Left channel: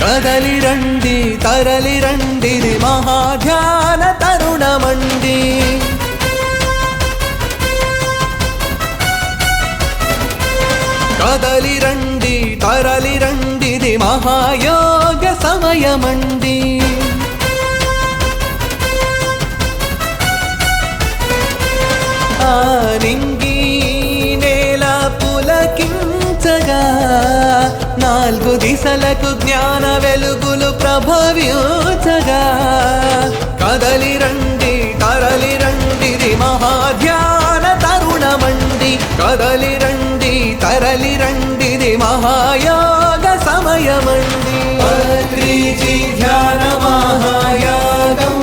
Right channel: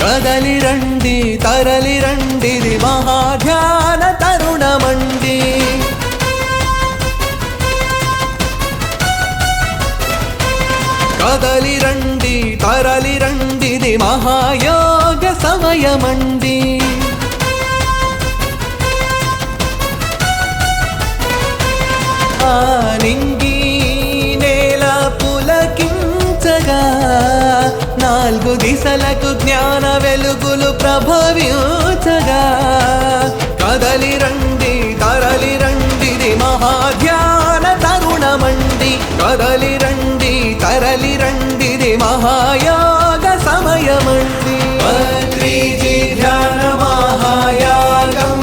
కదలి రండి తరలి రండిది మహాధ్యాన తరుణమండి. కదలి రండి తరలి రండిది మహాయోగ సమయమండి. ఆ నింగి నేల పులకించగా నాలుగు దిశలకు జ్ఞాన వెలుగులు ప్రభవించగా కదలి రండి తరలి రండిది మహాధ్యాన తరుణమండి. కదలి రండి తరలి రండిది మహాయోగ సమయమండి. పత్రిజీ ధ్యాన మహాయాగం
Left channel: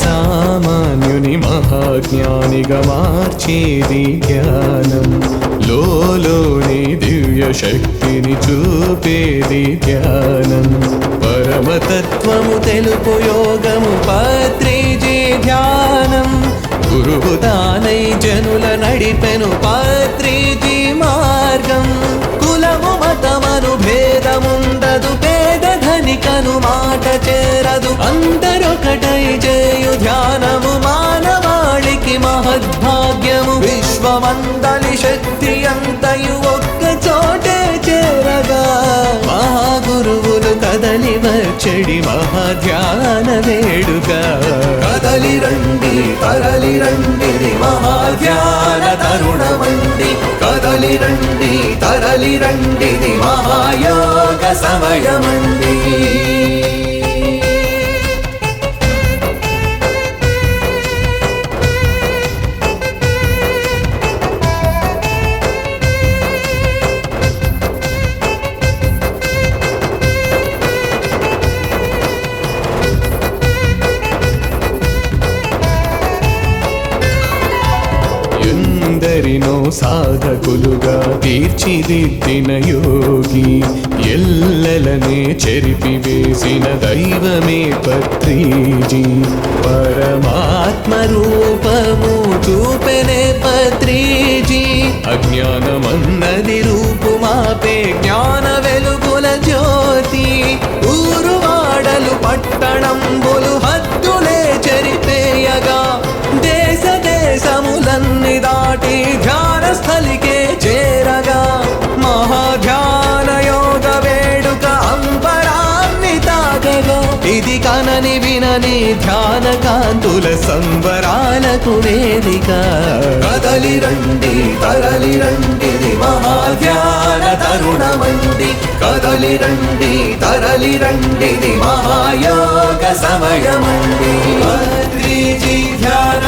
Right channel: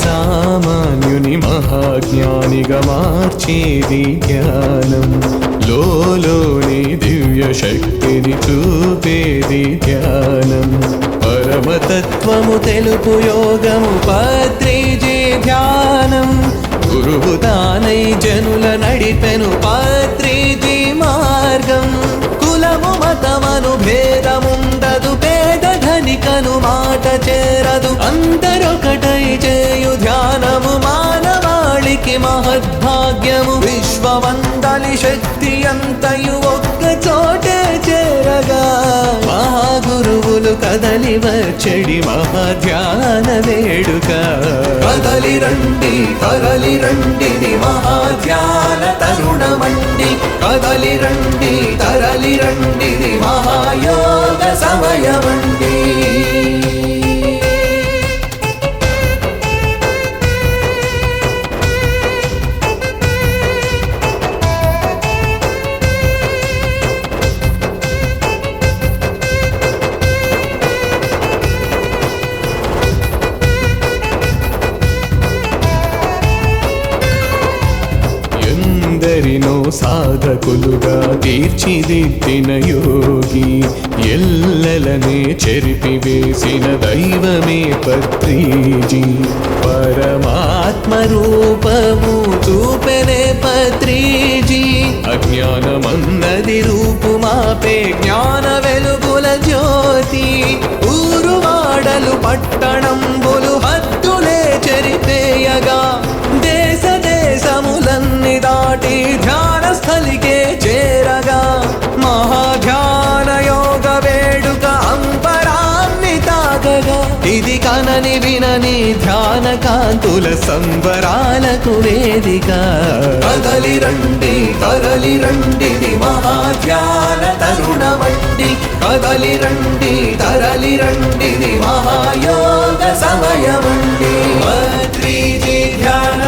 సామాన్యుని మహాజ్ఞానిగా మార్చేది ధ్యానం. లోలోని దివ్య శక్తిని చూపేది ధ్యానం. పరమతత్వము తెలుపు యోగము పత్రిజీ ధ్యానం. గురువు తానై జనుల నడిపెను పత్రిజీ మార్గం. కులము మతమను భేదముండదు, పేద ధనికను మాట చేరదు, అందరొకటై చేయు ధ్యానము మానవాళికి మహద్భాగ్యము. విశ్వమందలి శక్తి అంతయు ఒక్క చోటే చేరగా మహాగురువులు కదలి వచ్చడి మహాధ్యాన వేడుక. కదలి రండి తరలి రండిది మహాధ్యాన తరుణమండి. కదలి రండి తరలి రండిది మహాయోగ సమయమండి. ఎందరినో సాధకులుగా తీర్చిదిద్దిన యోగి, ఎల్లలనే చెరిపివేసిన దైవమే పత్రిజీ. పరమాత్మ రూపము చూపెనే పత్రిజీ. అజ్ఞానమన్నది రూపుమాపే జ్ఞాన వెలుగుల జ్యోతి. ఊరువాడలు పట్టణంబులు హద్దులే చెరిపేయగా దేశ దేశములన్నీ దాటి ధ్యాన స్థలికే చేరగా మహాధ్యాన యోగ వేడుక అంబరాన్ని తాకగా. ఇది కనని వినని ధ్యాన కాంతుల సంబరాలకు వేదిక. కదలి రండి తరలి రండిది మహాధ్యాన తరుణమండి. కదలి రండి తరలి రండిది మహాయోగ సమయమండి. పత్రిజీ ధ్యాన